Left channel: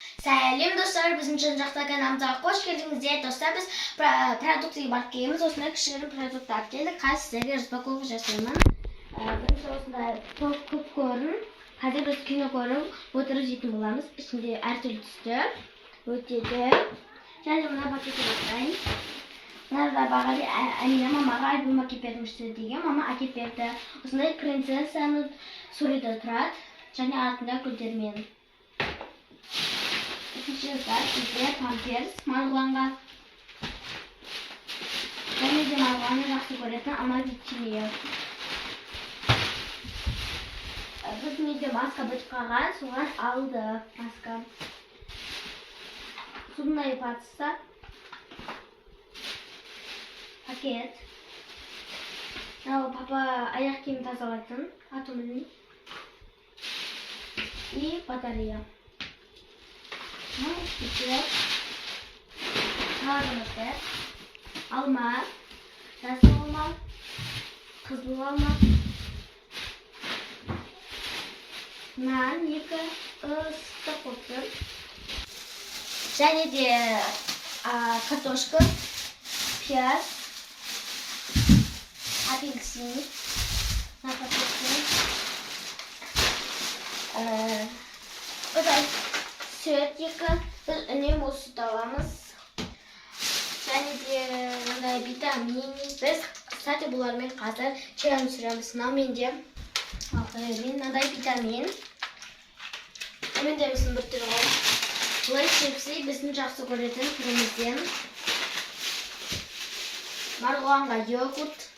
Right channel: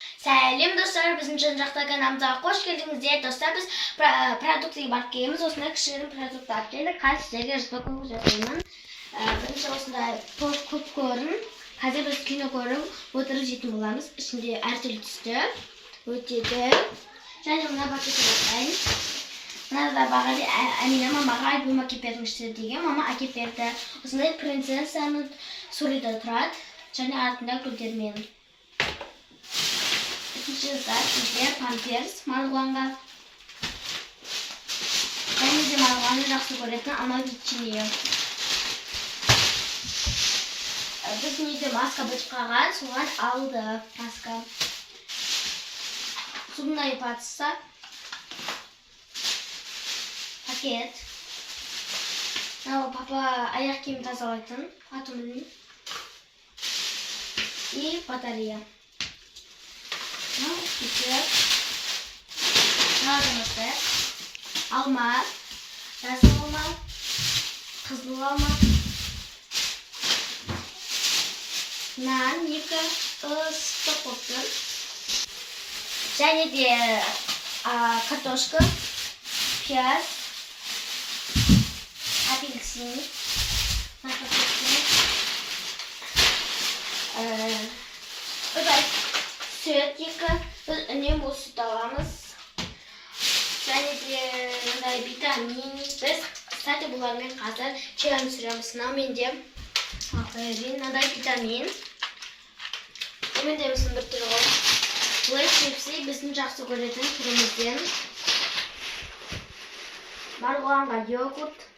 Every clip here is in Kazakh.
Сәлем достар, біздің жан-жақта каналымызға қош келдіңіздер. Достар, біз продуктыға барып келеміз. Осындай кішігірім продукт алып келдік. Қазір сіздерге распаковка жасаймын. Бірінші осындай попкорн. Қазір біз кино көріп отырып жейтін боламыз. Ішінде әртүрлі түсті өтеді. Және мына пакетті бастайын. Мынада бағали Әмина мамаға альбом әкеп бермішті деген. Мама әкеп берді. Осындай принцессаның суреті тұрады. Және артында гүлдермен. Зат бізде памперс марғұланға. Және де марғұланы жақсы көретін ана печенье. Біз неде маска бычқаған, соған алды маска. Зубная паста. Пакет. Папа аяқ киім тазалайтын. Атын білмеймін. И батарея. Алма, жасыл алма, қызыл алма, нан, екі ыстық отыр, және де картошка, пияз, апельсин, süt екі, біз үнемі осы сүт аламыз. Және де витамин. Біз кстати бұлармен қазір чайын сүреміз. Менде мынандай витамин. Менде біздің бір түрі ғой. Лейс чипсы біздің жақсы көретін түрімізден. Марғұланға йогурт.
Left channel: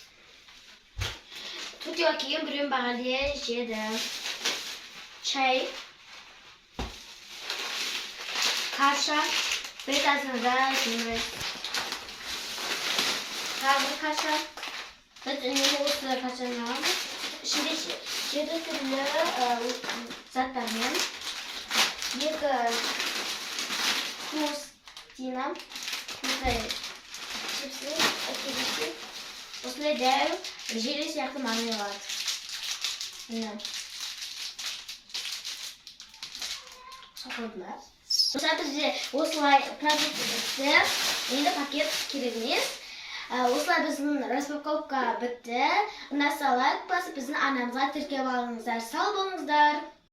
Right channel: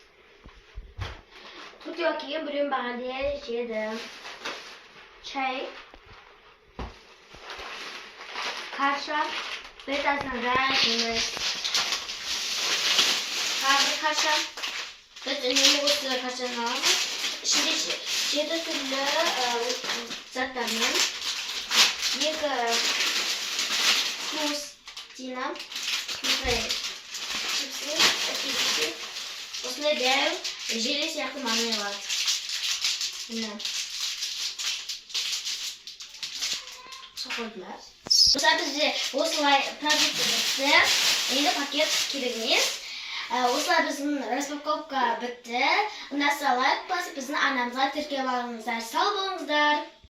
Түркияға келген біреуін бағалия жеді. Чай. Kaşa, bir tane daha ekmeğimiz. Kaşa, biz ünlü usulü kaşarını aldık. Şimdi 7 türlü zatlarından. Екі хрустина, чипсы, әкелісі. Осындай дәу желе сияқты маңай болады. Соқырдылар. Достар, бізде осылай продукты бітті. Енді пакет керек емес. Осылай біздің распаковка бітті. Ұнаса лайк басып, біздің арнамызға тіркеліп алыңыздар. Сау болыңыздар.